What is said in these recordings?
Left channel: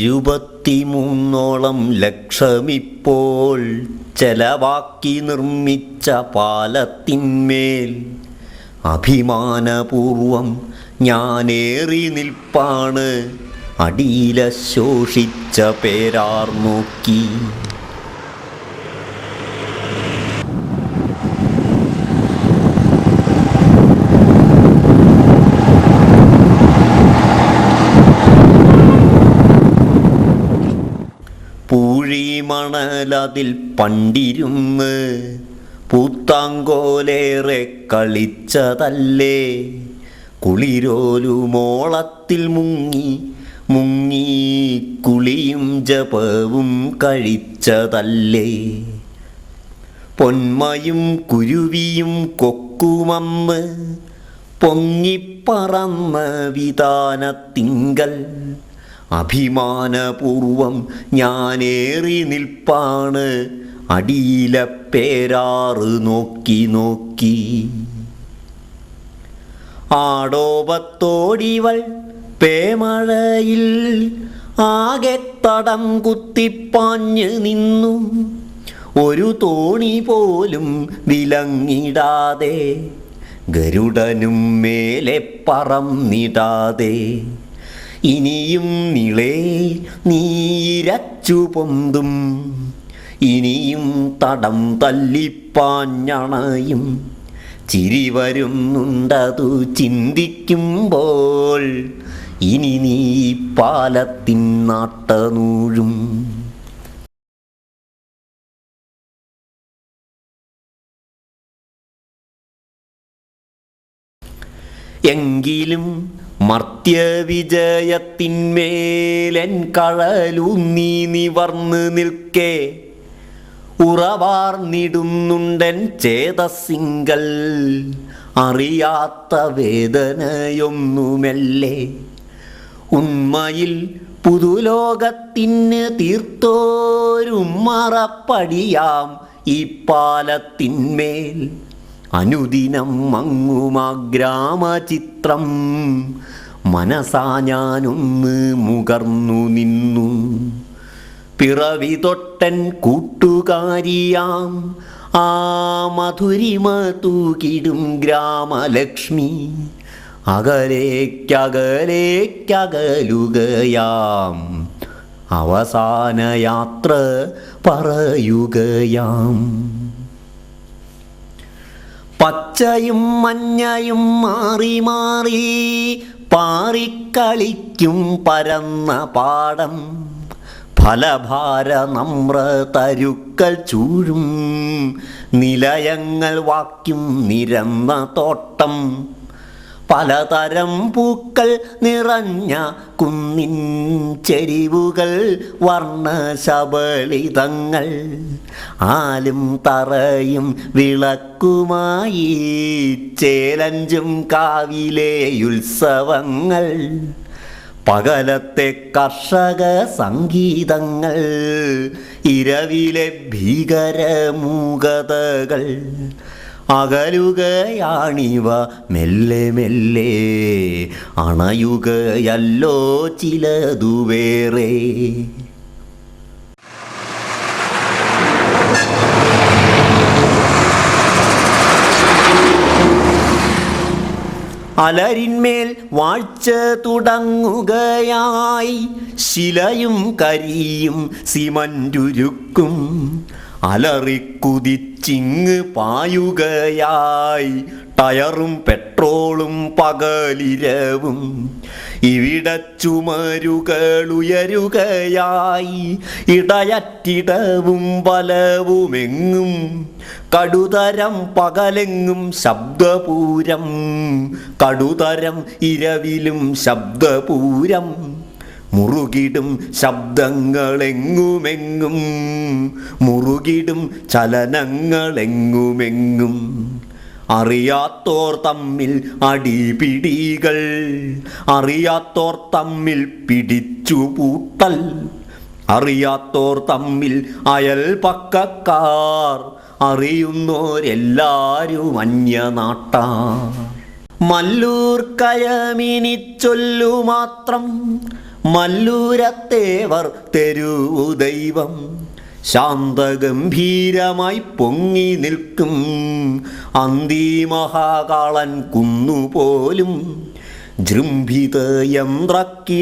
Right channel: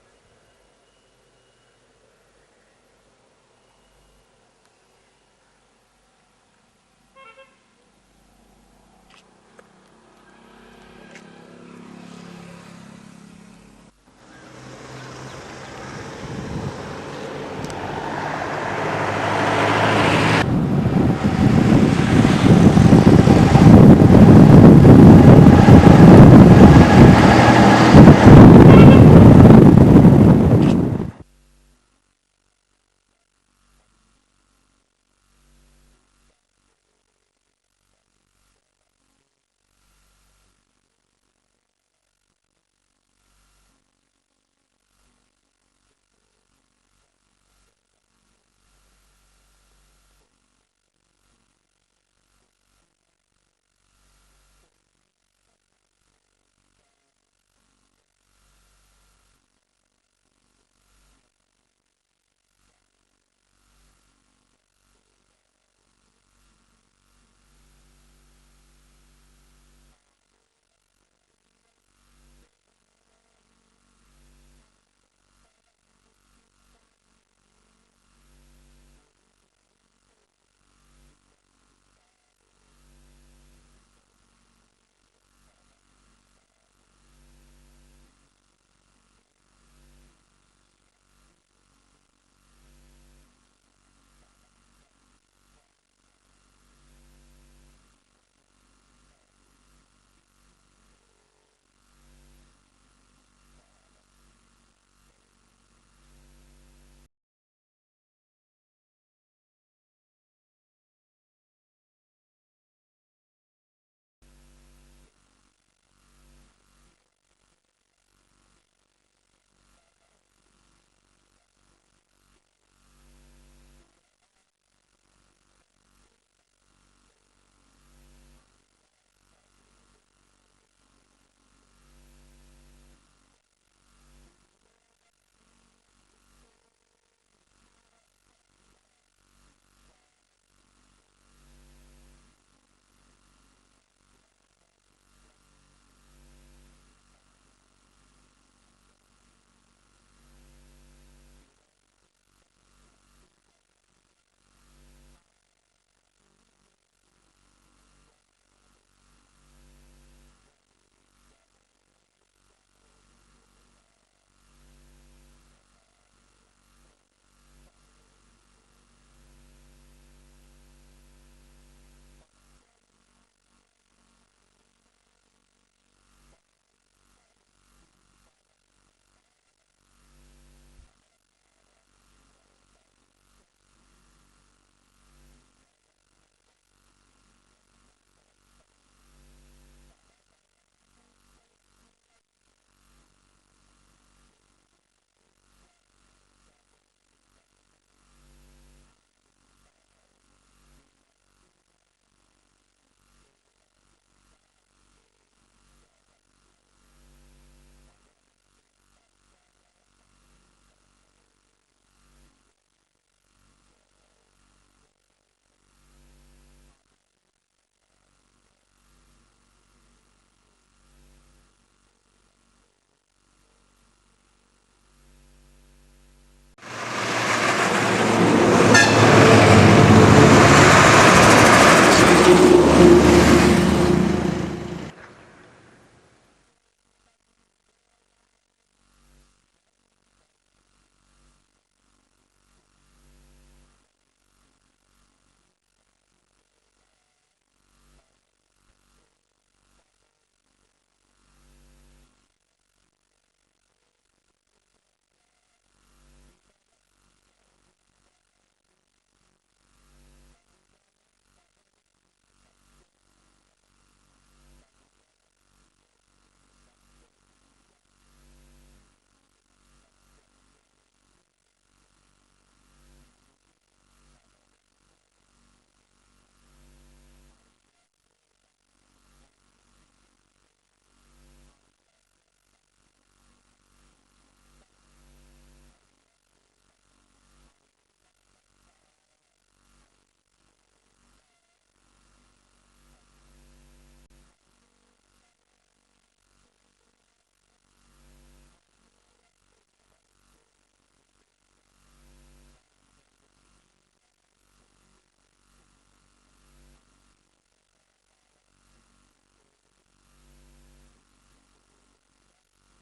ഇരുപത്തിമൂന്നോളം ലക്ഷമിപ്പോൾ ചെലവാക്കി നിർമ്മിച്ച പാലത്തിന്മേൽ അഭിമാനപൂർവം ഞാനേറി നിൽപ്പാണ്. അടിയില ശോഷിച്ച പേരാർ നോക്കി. പൂഴിമണലതിൽ പണ്ടിരുന്ന് പൂത്താങ്കോലേറെ കളിച്ചതല്ലേ? കുളിരോലുമോളത്തിൽ മുങ്ങി മുങ്ങി കുളിയും ജപവും കഴിച്ചതല്ലേ? പൊന്മയും കുരുവിയും കൊക്കുമന്ന് പൊങ്ങിപ്പറന്ന വിധാനത്തിങ്കൽ അഭിമാനപൂർവം ഞാനേറി നിൽപ്പാണ്. അടിയില പേരാറ് നോക്കി നോക്കി. ആടോപത്തോടിവൾ പേമഴയിൽ ആകെ തടം കുത്തിപ്പാഞ്ഞ് നിന്നു. ഒരു തോണി പോലും വിലങ്ങിടാതെ ഗരുഡനും മേലെ പറന്നിടാതെ ഇനിയും നിളേ നീരച്ചു പൊന്തും. ഇനിയും തടം തല്ലിപ്പാഞ്ഞണയും ചിരി വരുന്നുണ്ടതു ചിന്തിക്കുമ്പോൾ ഇനി നീ പാലത്തിൻ നാട്ടനൂഴും. എങ്കിലും മർത്യവിജയത്തിന്മേലൻ കഴലൂന്നി നിവർന്ന് നിൽക്കേ. ഉറവാർന്നിടുന്നുണ്ടൻ ചേതസിങ്കൽ അറിയാത്ത വേദനയൊന്നുമല്ലേ. ഉണ്മയിൽ പുതുലോകത്തിന് തീർത്തോരും മറപ്പടിയാം ഈ പാലത്തിന്മേൽ. അനുദിനം മങ്ങുമാഗ്രാമചിത്രം. മനസാ ഞാനൊന്ന് മുകർന്നു നിന്നു. പിറവി തൊട്ടൻ കൂട്ടുകാരിയാം. ആ മധുരിമ തൂകിടും ഗ്രാമലക്ഷ്മി. അകലേക്കകലേക്കകലുകയാം. അവസാന യാത്ര പറയുകയാം. പച്ചയും മഞ്ഞയും മാറി മാറി പാറിക്കളിക്കും പരന്ന പാടം. ഫലഭാര നമ്ര തരുക്കൾ ചൂഴും നിലയങ്ങൾ വാക്കും നിരന്ന തോട്ടം. പലതരം പൂക്കൾ നിറഞ്ഞ കുന്നിൻ ചെരിവുകൾ വർണശബളിതങ്ങൾ ആലും തറയും വിളക്കുമായി ചേലഞ്ചും കാവിലെ ഉത്സവങ്ങൾ പകലത്തെ കർഷക സംഗീതങ്ങൾ ഇരവിലെ ഭീകരമൂകതകൾ അകലുകയാണിവ മെല്ലെ മെല്ലെ. അണയുകയല്ലോ ചിലതു വേറെ അലരിന്മേൽ വാഴ്ച തുടങ്ങുകയായി. ശിലയും കരിയും സിമന്റുരുക്കും. അലറിക്കുതിച്ചിങ് പായുകയായി. ടയറും പെട്രോളും പകലിരവും ഇവിടെ ചുമരുകൾ ഉയരുകയായി ഇടയറ്റിടവും ബലവുമെങ്ങും കടുതരം പകലെങ്ങും ശബ്ദപൂരം. കടുതരം ഇരവിലും ശബ്ദപൂരം. മുറുകിടും ശബ്ദങ്ങളെങ്ങുമെങ്ങും മുറുകിടും ചലനങ്ങളെങ്ങുമെങ്ങും. അറിയാത്തോർ തമ്മിൽ അടിപിടികൾ അറിയാത്തോർ തമ്മിൽ പിടിച്ചു പൂട്ടൽ അറിയാത്തോർ തമ്മിൽ അയൽപക്കക്കാർ അറിയുന്നോരെല്ലാരും അന്യനാട്ട. മല്ലൂർ കയമിനി ചൊല്ലു മാത്രം മല്ലൂരത്തേവർ തെരുവു ദൈവം. ശാന്തഗംഭീരമായി പൊങ്ങി നിൽക്കും. അന്തിമഹാകാളൻ കുന്നുപോലും ജൃംഭിത യന്ത്രക്കിടാവെറിയും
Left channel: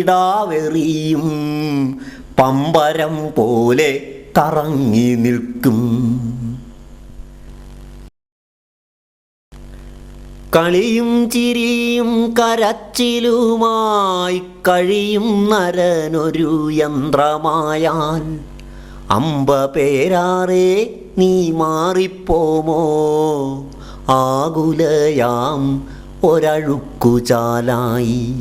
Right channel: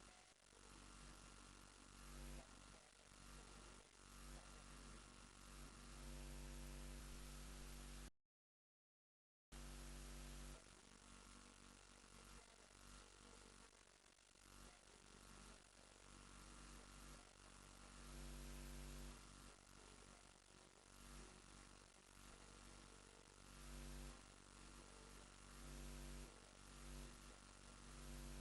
പമ്പരം പോലെ കറങ്ങി നിൽക്കും. കളിയും ചിരിയും കരച്ചിലുമായി കഴിയും നരനൊരു യന്ത്രമായാൽ അമ്പ പേരാറേ നീ മാറിപ്പോമോ? ആകുലയാം ഒരഴുക്കുചാലായി.